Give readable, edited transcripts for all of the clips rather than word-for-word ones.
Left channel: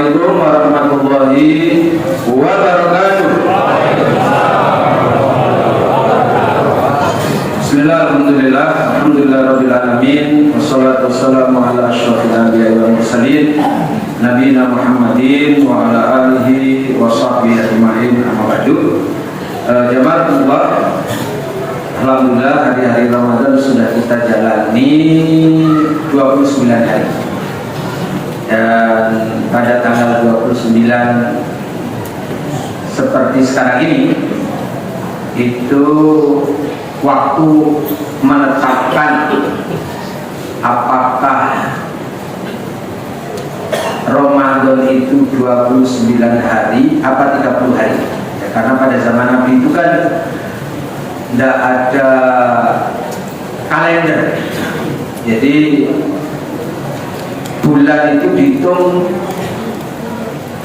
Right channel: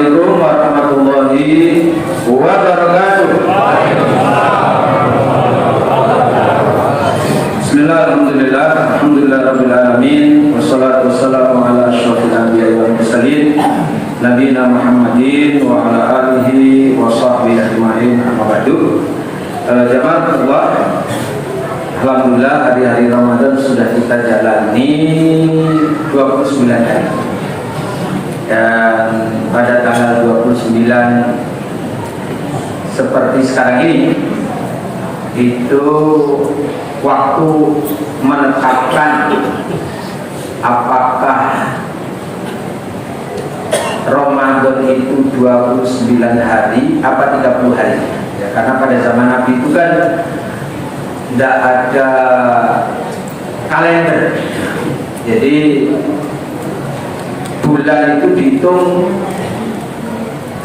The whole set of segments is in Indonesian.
Assalamualaikum warahmatullahi wabarakatuh. Bismillahirrahmanirrahim. Alhamdulillahirabbil alamin. Wassalatu wassalamu ala asyrofil anbiya'i wal mursalin nabiyina Muhammadin wa ala alihi wa sahbihi ajma'in. Amma ba'du. Jemaah Allah, alhamdulillah hari-hari Ramadan sudah kita jalani 29 hari. Dan pada tanggal 29 seperti sekarang ini itu waktu menetapkan apakah Ramadan itu 29 hari apa 30 hari ya, karena pada zaman Nabi itu kan tidak ada kalender, jadi bulan itu dihitung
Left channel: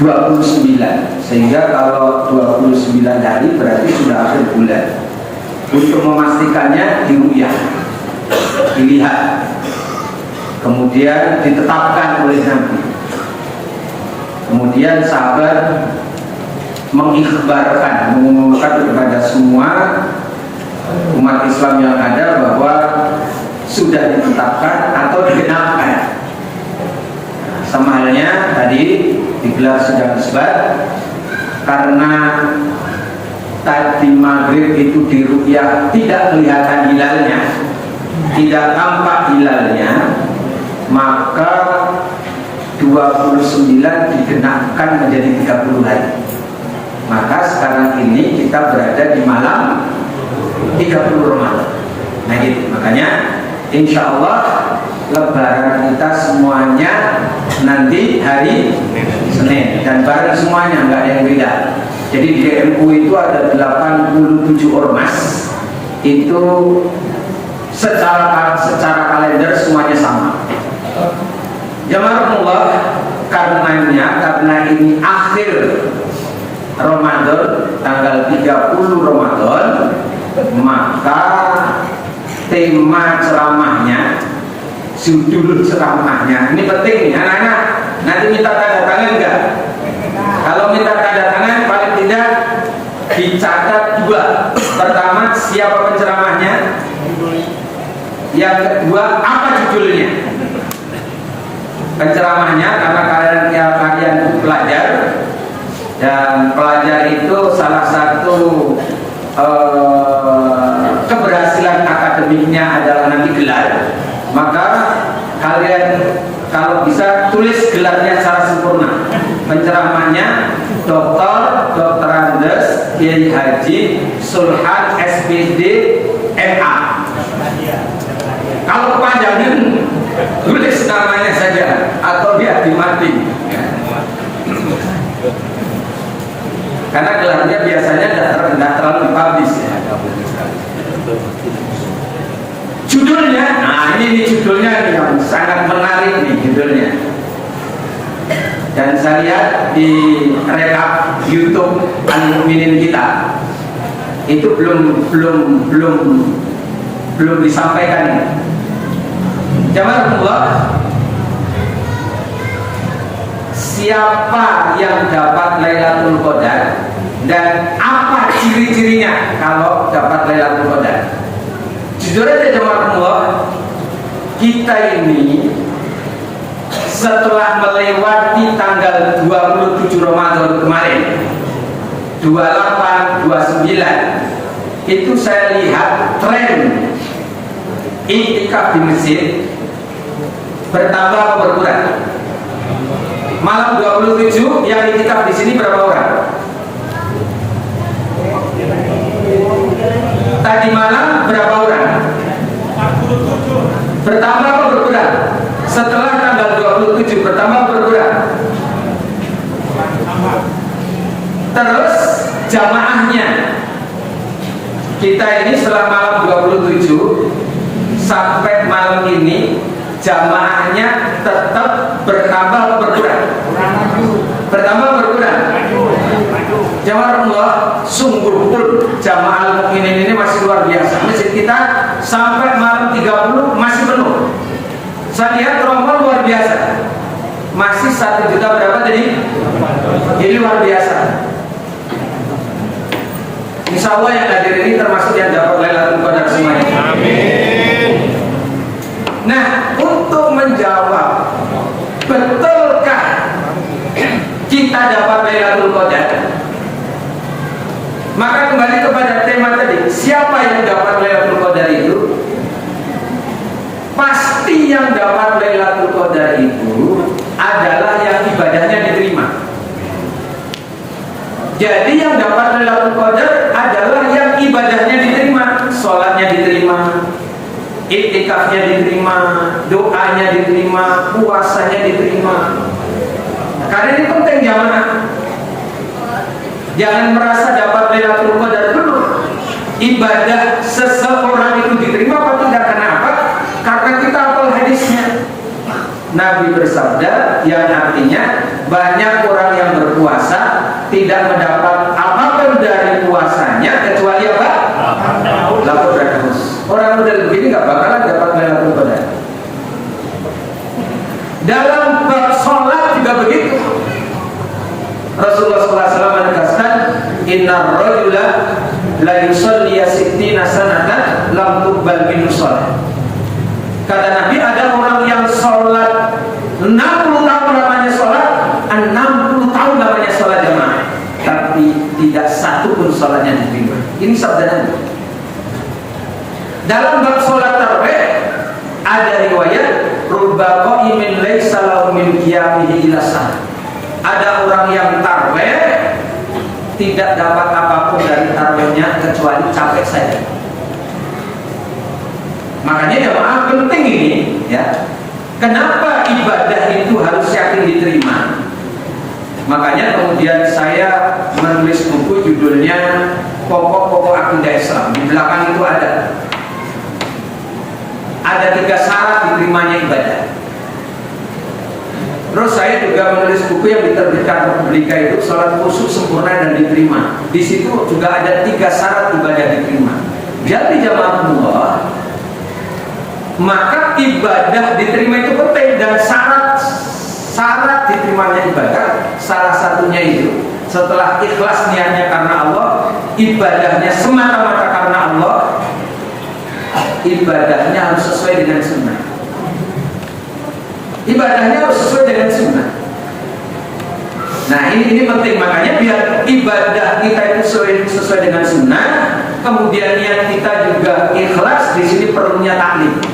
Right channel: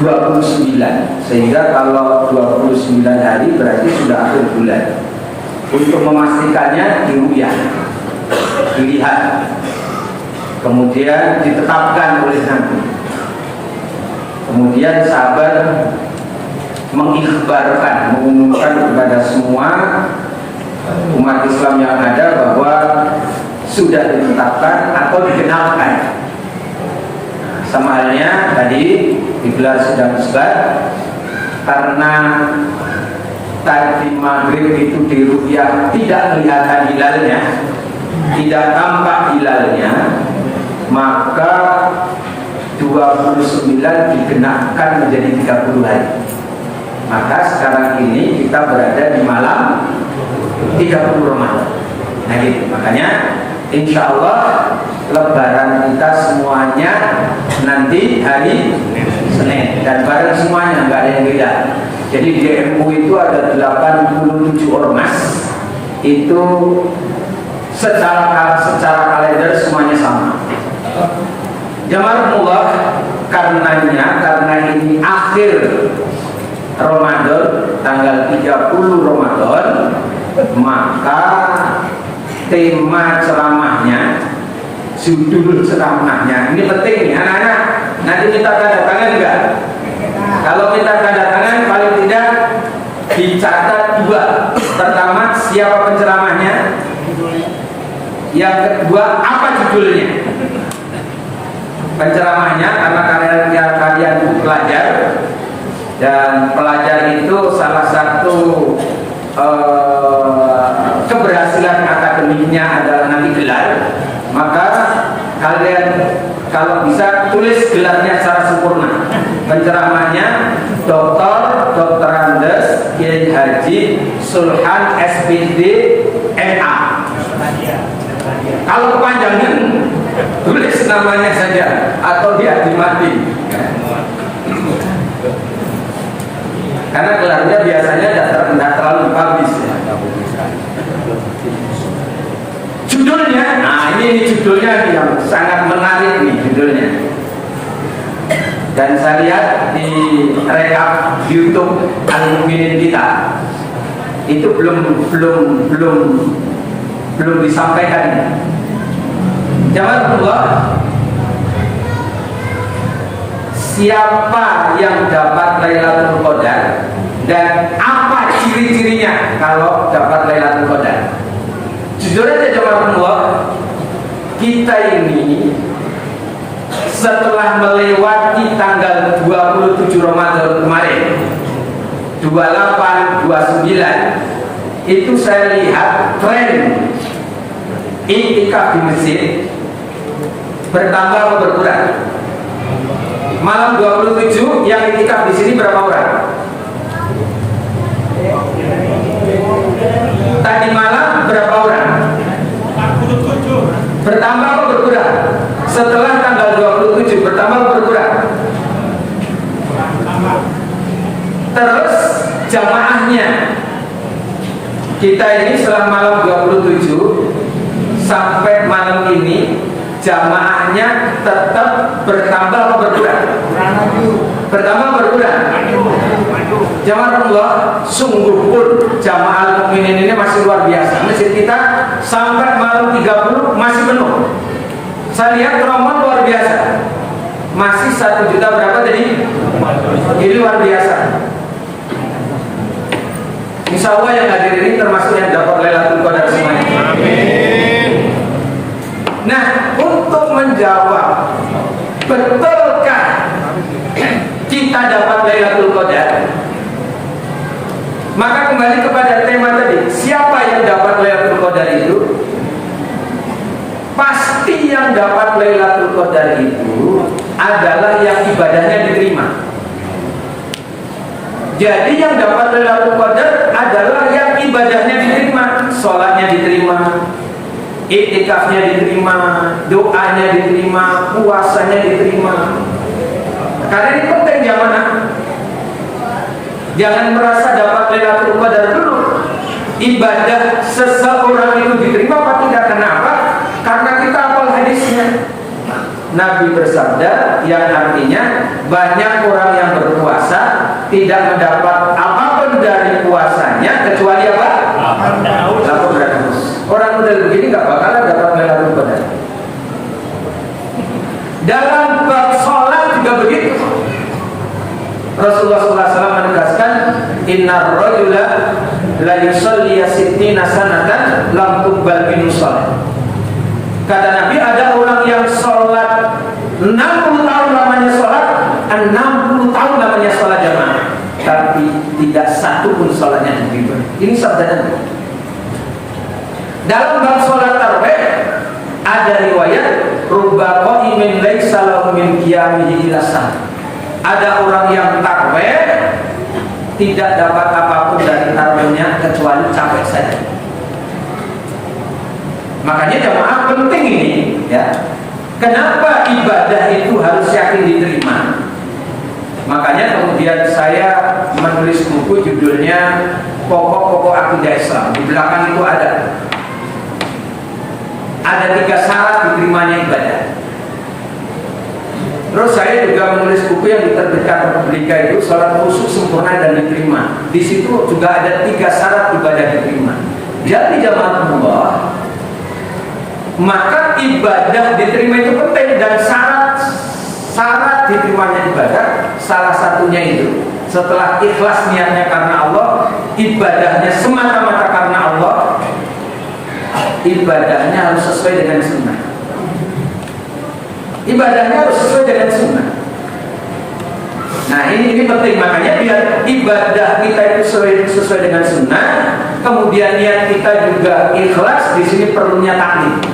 29, sehingga kalau 29 hari berarti sudah akhir bulan. Untuk memastikannya dilihat, kemudian ditetapkan oleh Nabi. Kemudian sahabat mengikhbarkan, mengumumkan kepada semua umat Islam yang ada bahwa sudah ditetapkan atau dikenalkan. Sama halnya tadi digelar sidang isbat karena tadi maghrib itu diruqyah tidak kelihatan hilalnya, tidak tampak hilalnya, maka 29 dikenakan menjadi 30 hari. Maka sekarang ini kita berada di malam 30 Ramadan. Nah gitu, makanya insya Allah lebaran kita semuanya nanti hari Senin dan bareng semuanya, nggak ada yang beda. Jadi di MU itu ada 87 ormas, itu secara kalender semuanya sama. Jamaah Allah, karena ini akhir Ramadan, tanggal 30 Ramadan, maka tema ceramahnya, judul ceramahnya ini penting anak-anak. Nanti minta tanda tangan enggak? Kalau minta tanda tangan paling tidak dicatat 2. Pertama, siapa penceramahnya? Yang kedua, apa judulnya? Penceramahnya, karena kalian pelajar, dan pelajar itu salah satu keberhasilan akademiknya adalah nanti gelar. Maka kalian kalau bisa tulis gelarnya secara sempurna. Penceramahnya Dr. Andes Kiai Haji Sulhan SPD MA. Kalau kepanjangan tulis namanya saja atau dia dimati. Karena gelarnya biasanya tidak terlalu dipublish. Judulnya, nah ini judulnya yang sangat menarik nih judulnya. Dan saya lihat di rekap YouTube Al-Mukminin kita itu belum disampaikan. Jamaah Allah, siapa yang dapat Lailatul Qadar dan apa ciri-cirinya kalau dapat Lailatul Qadar? Jujur aja jemaah Allah, kita ini setelah melewati tanggal 27 Ramadan kemarin 28, 29, itu saya lihat tren iktikaf di masjid bertambah atau berkurang. Malam 27 yang iktikaf di sini berapa orang? Tadi malam berapa orang? Bertambah atau berkurang? Setelah tanggal 27 bertambah atau berkurang? Terus jamaahnya, kita ini setelah malam 27 sampai malam ini jamaahnya tetap bertambah atau berkurang? Bertambah atau berkurang? Jamaah Allah, sungguh pun jamaah Al-Mukminin ini masih luar biasa. Masjid kita sampai malam 30 masih penuh. Saya lihat rombongan luar biasa. Masih 1 juta berapa tadi? kita dapat Lailatul Qadar? Maka kembali kepada tema tadi, siapa yang dapat Lailatul Qadar itu? Pasti yang dapat Lailatul Qadar itu adalah yang ibadahnya diterima. Jadi yang dapat Lailatul Qadar adalah yang ibadahnya diterima, sholatnya diterima, iktikafnya diterima, doanya diterima, puasanya diterima. Karena ini penting jamaah. Jangan merasa dapat Lailatul Qadar dulu. Ibadah seseorang itu diterima apa tidak? Kenapa? Karena kita hafal hadisnya. Nabi bersabda yang artinya banyak orang yang berpuasa tidak mendapat apapun dari puasanya kecuali apa? Lapor dan haus. Orang model begini nggak bakalan dapat Lailatul Qadar. Dalam bab sholat juga begitu. Rasulullah SAW menegaskan, Inna rajula la yusalli sittina sanatan lam tuqbal minhu shalah. Kata Nabi, ada orang yang sholat 60 tahun lamanya sholat, 60 tahun lamanya sholat jamaah, tapi tidak satu pun sholatnya diterima. Ini sabda Nabi. Dalam bab sholat tarawih ada riwayat rubba qa'imin laisa lahu min qiyamihi illa sah. Ada orang yang tarawih tidak dapat apapun dari tarawihnya kecuali capek saja. Makanya jamaah penting ini, ya. Kenapa ibadah itu harus yakin diterima? Makanya kemudian saya menulis buku judulnya Pokok-pokok Akidah Islam. Di belakang itu ada 3 syarat diterimanya ibadah. Terus saya juga menulis buku yang diterbitkan Republika itu Salat Khusyuk Sempurna dan Diterima. Di situ juga ada 3 syarat ibadah diterima. Jadi jamaah Allah, maka ibadah diterima itu penting, dan syarat diterimanya ibadah salah satunya itu setelah ikhlas niatnya karena Allah, ibadahnya semata-mata karena Allah, ibadahnya harus sesuai dengan sunnah. Ibadahnya harus sesuai dengan sunnah. Nah ini penting, makanya biar ibadah kita itu sesuai dengan sunnah, kemudian niat kita juga ikhlas. Di sini perlunya taklim,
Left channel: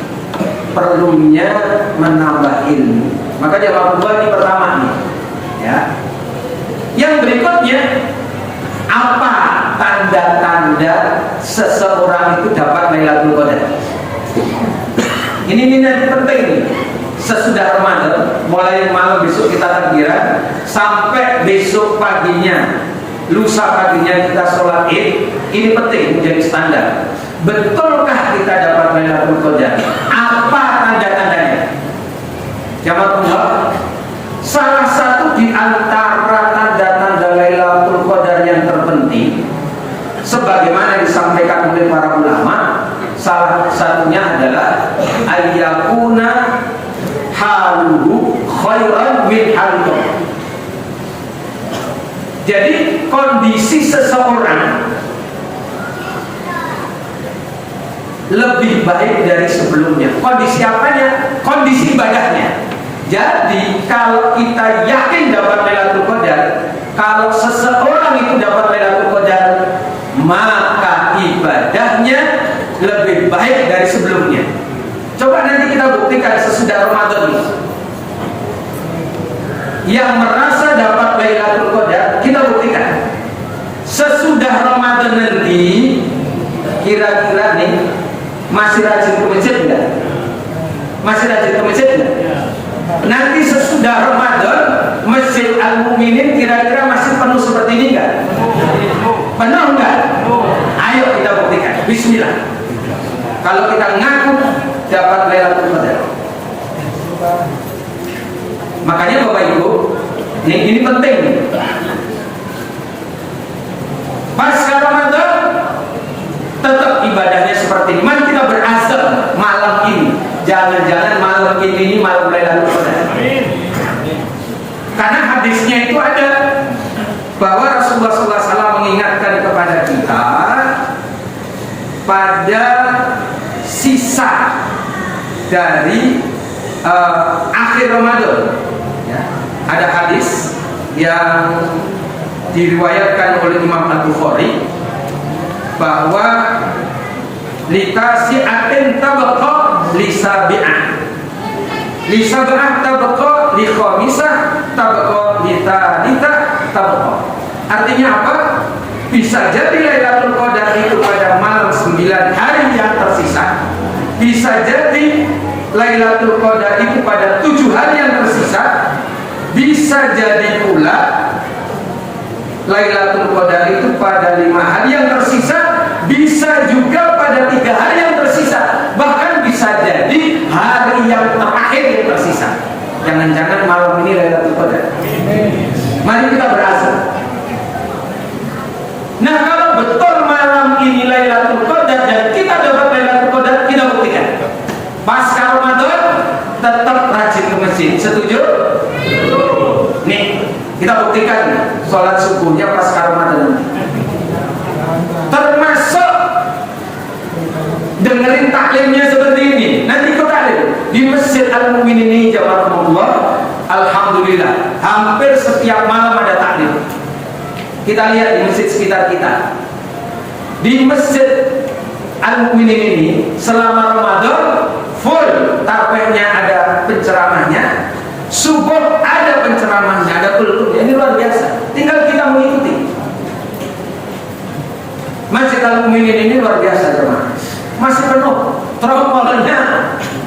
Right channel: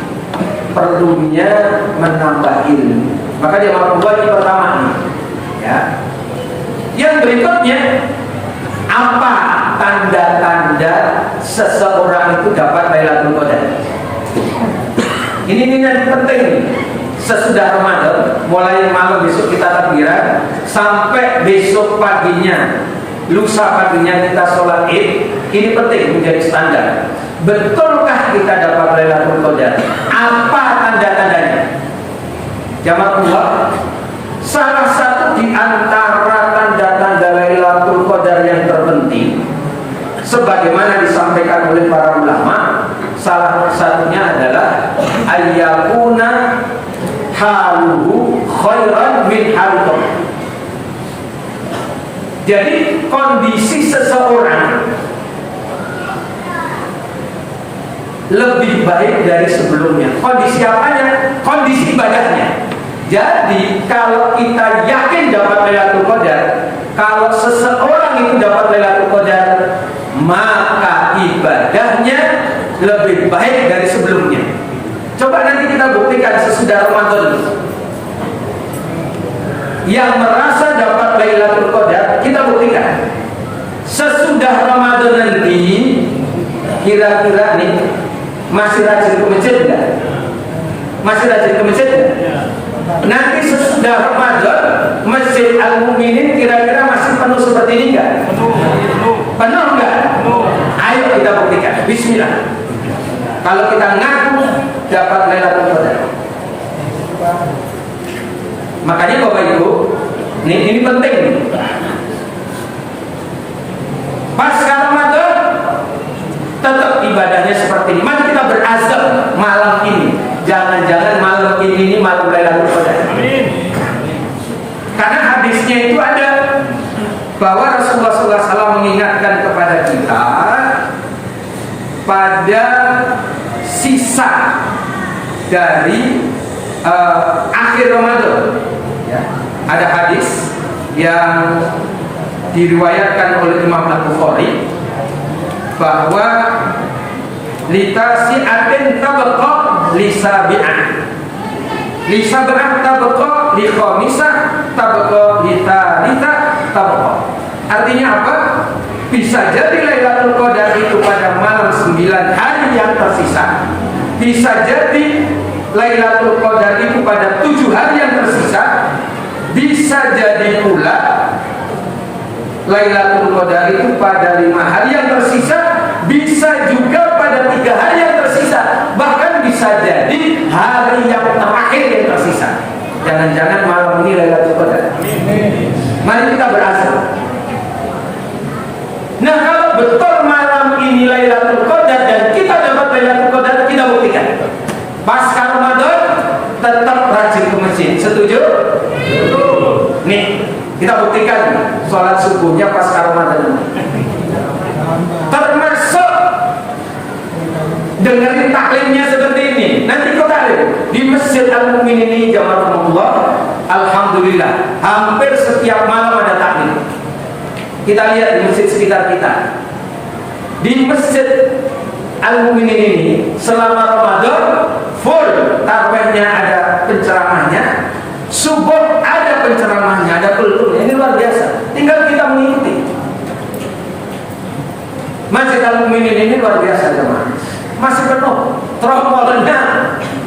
perlunya menambah ilmu. Maka jamaah ini pertama nih, ya. Yang berikutnya, apa tanda-tanda seseorang itu dapat Lailatul Qadar? Ini nanti penting. Sesudah Ramadan, mulai malam besok kita takbiran sampai besok paginya, lusa paginya kita sholat Id. Ini penting menjadi standar. Betulkah kita dapat Lailatul Qadar? Apa tanda-tandanya? Jamaah, salah satu di antara tanda-tanda Lailatul Qadar yang terpenting, sebagaimana disampaikan oleh para ulama, salah satunya adalah ayyakuna haluhu khairan min haluhu. Jadi kondisi seseorang lebih baik dari sebelumnya. Kondisi apanya? Kondisi ibadahnya. Jadi kalau kita yakin dapat Lailatul Qadar, kalau seseorang itu dapat Lailatul Qadar, maka ibadahnya lebih baik dari sebelumnya. Coba nanti kita buktikan sesudah Ramadan. Yang merasa dapat Lailatul Qadar, kita buktikan. Sesudah Ramadan nanti, kira-kira nih, masih rajin ke masjid enggak? Masih rajin ke masjid enggak? Nanti sesudah Ramadan, Masjid Al-Mu'minin kira-kira masih penuh seperti ini enggak? Penuh enggak? Ayo kita buktikan. Bismillah. Kalau kita ngaku dapat Lailatul Qadar. Makanya Bapak Ibu, ini penting. Pasca Ramadan tetap ibadahnya seperti ini. Mari kita berazam malam ini. Jangan-jangan malam ini malam Lailatul Qadar. Karena hadisnya itu ada bahwa Rasulullah SAW mengingatkan kepada kita pada sisa dari akhir Ramadan. Ya. Ada hadis yang diriwayatkan oleh Imam Al-Bukhari bahwa litasi'atin tabqa lisabi'ah, lisabi'ah tabqa likhamisah tabqa litalita tabqa. Artinya apa? Bisa jadi Lailatul Qadar itu pada malam 9 hari yang tersisa, bisa jadi Lailatul Qadar itu pada 7 hari yang tersisa, bisa jadi pula Lailatul Qadar itu pada 5 hari yang tersisa, bisa juga pada 3 hari yang tersisa, bahkan bisa jadi hari yang terakhir yang tersisa. Jangan-jangan malam ini Lailatul Qadar. Mari kita berasal. Nah, kalau betul malam ini Lailatul Qadar dan kita dapat Lailatul Qadar, kita buktikan. Pasca Ramadan tetap rajin ke masjid. Setuju? Nih, kita buktikan sholat subuhnya pasca Ramadan. Termasuk dengerin taklimnya seperti ini. Nanti kita taklim di Masjid Al-Mu'min ini, jamaah, alhamdulillah hampir setiap malam ada taklim. Kita lihat di masjid sekitar kita. Di Masjid Al-Mu'min ini selama Ramadan full, tarawihnya ada penceramahnya, subuh ada penceramahnya, ada pelurnya. Ini luar biasa. Tinggal kita mengikuti. Masjid Al-Mu'min ini luar biasa, teman. Masih penuh. Tromolnya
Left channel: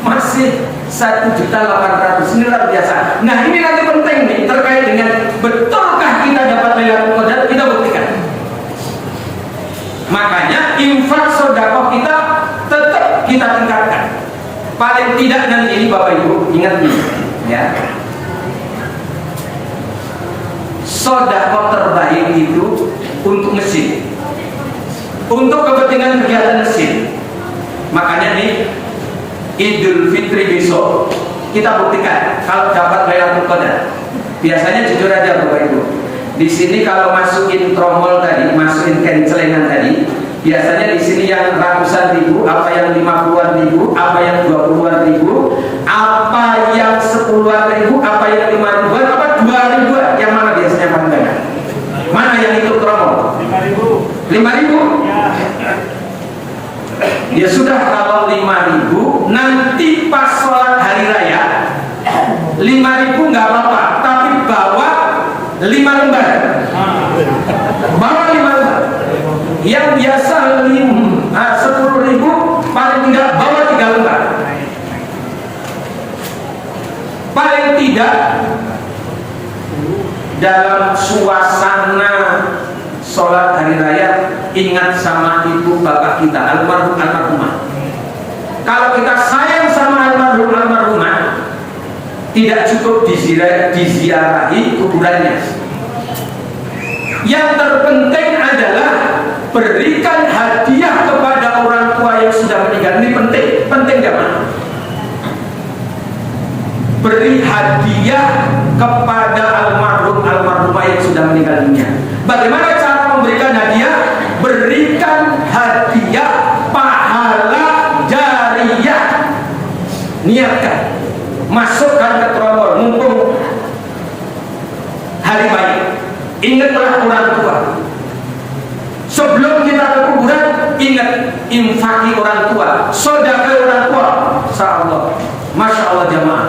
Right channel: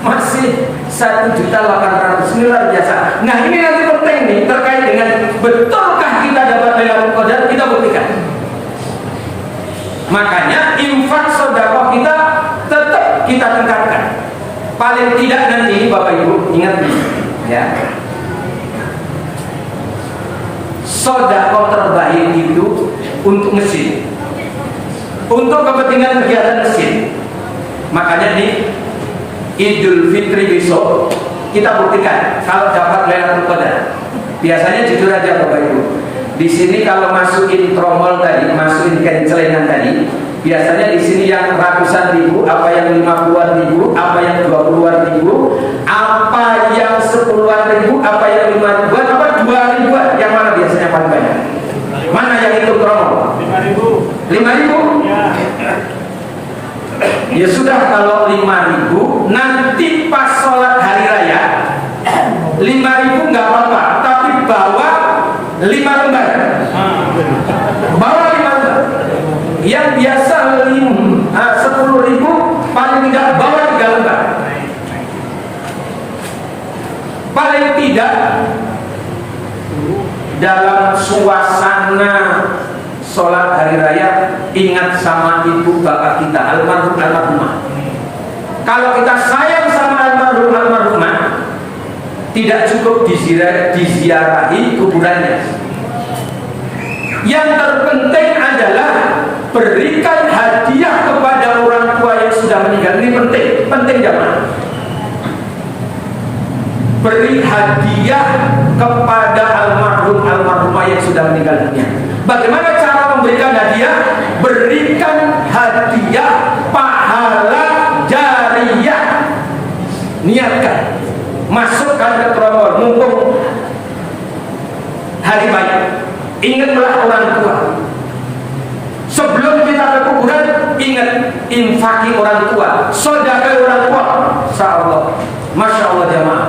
masih 1.800.000. Ini luar biasa. Nah, ini nanti penting nih terkait dengan betulkah kita dapat Lailatul Qadar, kita buktikan. Makanya infak sedekah kita tetap kita tingkatkan. Paling tidak nanti Bapak Ibu ingat nih, ya. Sedekah terbaik itu untuk masjid, untuk kepentingan kegiatan masjid. Makanya nih Idul Fitri besok kita buktikan kalau dapat Lailatul Qadar. Biasanya jujur aja Bapak Ibu, di sini kalau masukin tromol tadi, masukin kencelengan tadi, biasanya di sini yang ratusan ribu, apa yang 50-an ribu, apa yang 20-an ribu, apa yang 10-an ribu, apa yang 5 ribuan, apa 2 ribuan, yang mana biasanya paling banyak? Mana yang ikut tromol? 5 ribu? Ya sudah, kalau 5.000 nanti pas sholat hari raya 5.000 nggak apa-apa, tapi bawa 5 lembar. Bawa 5 lembar. Yang biasa 10.000 paling tidak bawa 3 lembar. Paling tidak dalam suasana sholat hari raya ingat sama ibu bapak kita almarhum almarhumah. Kalau kita sayang sama almarhum almarhumah, tidak cukup diziarahi kuburannya. Yang terpenting adalah berikan hadiah kepada orang tua yang sudah meninggal. Ini penting jangan. Beri hadiah kepada almarhum almarhumah yang sudah meninggal dunia. Bagaimana cara memberikan hadiah? Berikan hadiah pahala jariyah. Niatkan, masukkan ke tromol, mumpung hari banyak. Ingatlah orang tua. Sebelum kita ke kuburan, ingat infaki orang tua, sedekah orang tua. Insyaallah, masya Allah jamaah,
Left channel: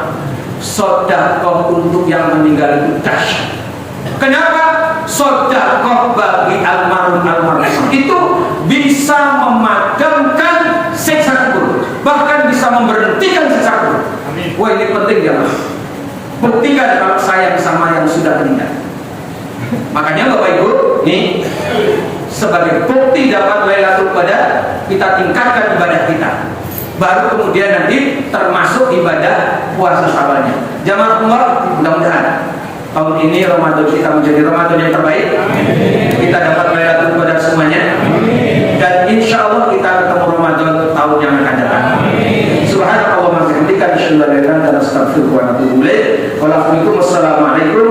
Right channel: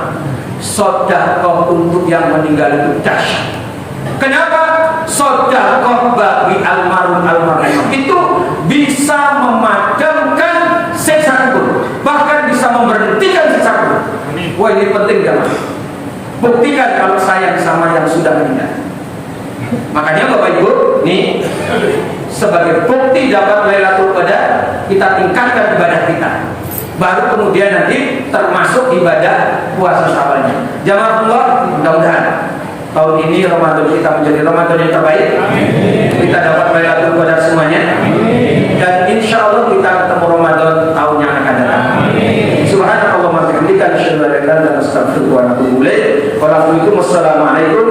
sedekah untuk yang meninggal itu dahsyat. Kenapa? Sedekah bagi almarhum itu bisa memadamkan siksa kubur, bahkan bisa memberhentikan siksa kubur. Wah, ini penting ya Mas. Buktikan kalau sayang sama yang sudah meninggal. Makanya Bapak Ibu, nih sebagai bukti dapat Lailatul Qadar, kita tingkatkan ibadah kita. Baru kemudian nanti termasuk ibadah puasa sabarnya. Jamaah Allah, mudah-mudahan tahun ini Ramadan kita menjadi Ramadan yang terbaik. Kita dapat Lailatul Qadar semuanya. Dan insya Allah kita ketemu Ramadan tahun yang akan datang. Subhanallah wa bihamdihi, asyhadu an la ilaha illa anta, astaghfiruka wa atubu ilaik. Wassalamualaikum